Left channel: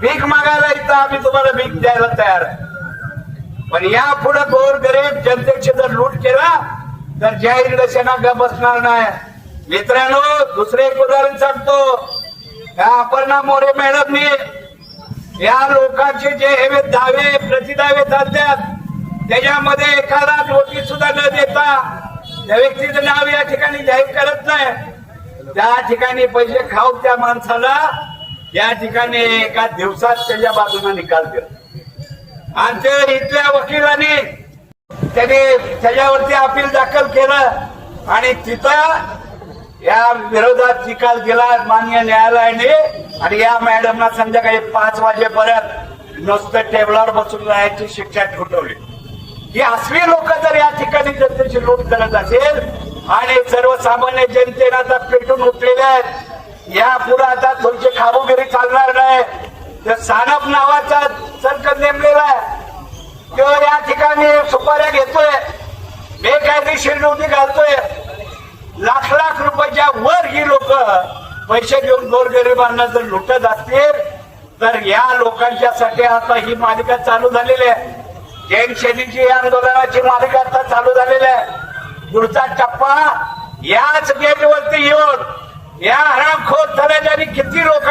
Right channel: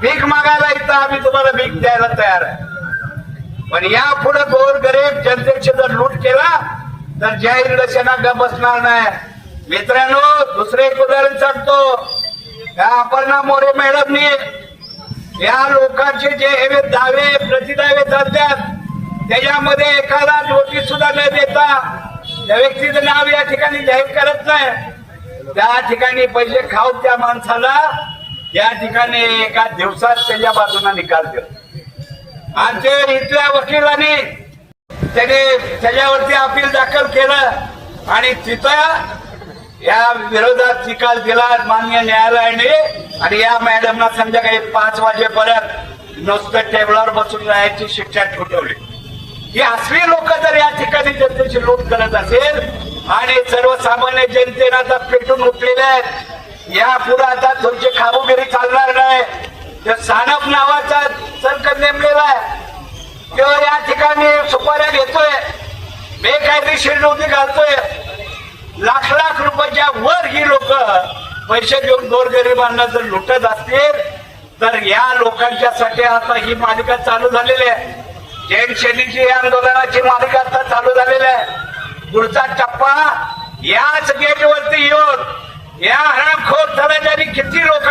भीक मागायला इथं आम्ही तुम्हाला भीक द्यायला तयार आहे. पण या पुढे गोर गरीब जनतेचे जर लूट केला तर जाहीर लसेना ग बसणार नाही? मित्रांनो दुसरे एक उदाहरण सांगतो. या अपर्णा मोरे मॅडमनी या लोकांचे जे हे दावे प्रतिदावे चालतात त्याच्यामध्ये एखादा नोटीस सुद्धा न देता त्या व्यक्तीचं नाव या ठिकाणी जाहीर करत नाही. त्या ठिकाणी पैसे खाऊ त्या माणसाला या ठिकाणी एका दिवसात त्याच्या बाजूने निकाल दिला. आणि ते इथल्या वकिलांनी त्याने त्याच्यावरती अपील दाखल केलं आणि तिथं या विरोधात निकाल दिला मान्य न्यायालयाने. आणि या मॅडमना संध्याकाळी पाच वाजेपर्यंत नुसतं टेबलावर बसून राहायची शिक्षा ठोठवली. ही असली लोक जर या ठिकाणी जनतेची लूट करत असेल आणि सर्वसामान्य जनतेनं आता पेटून उठलेले आहेत या पुढे आता तुमची खाबोगिरी चालणार नाही. त्या सानप नावाचा संकट नेमलेला आहे. किंवा या ठिकाणी सुपाऱ्या घेतोय. बेकायदेशीर नोंदी घालतोय लाख लाख रुपयाच्या वर ही लोक पैसे घेऊन गोरगरिबांना जर लुटत असतील तर या लोकांच्यासाठी आता ही मालिका चालू झालेली आहे. जैन शैलीची आंदोलनाची मालिका आता चालू झालेली आहे. पुढचा टप्पा याच गेटवरती येऊन या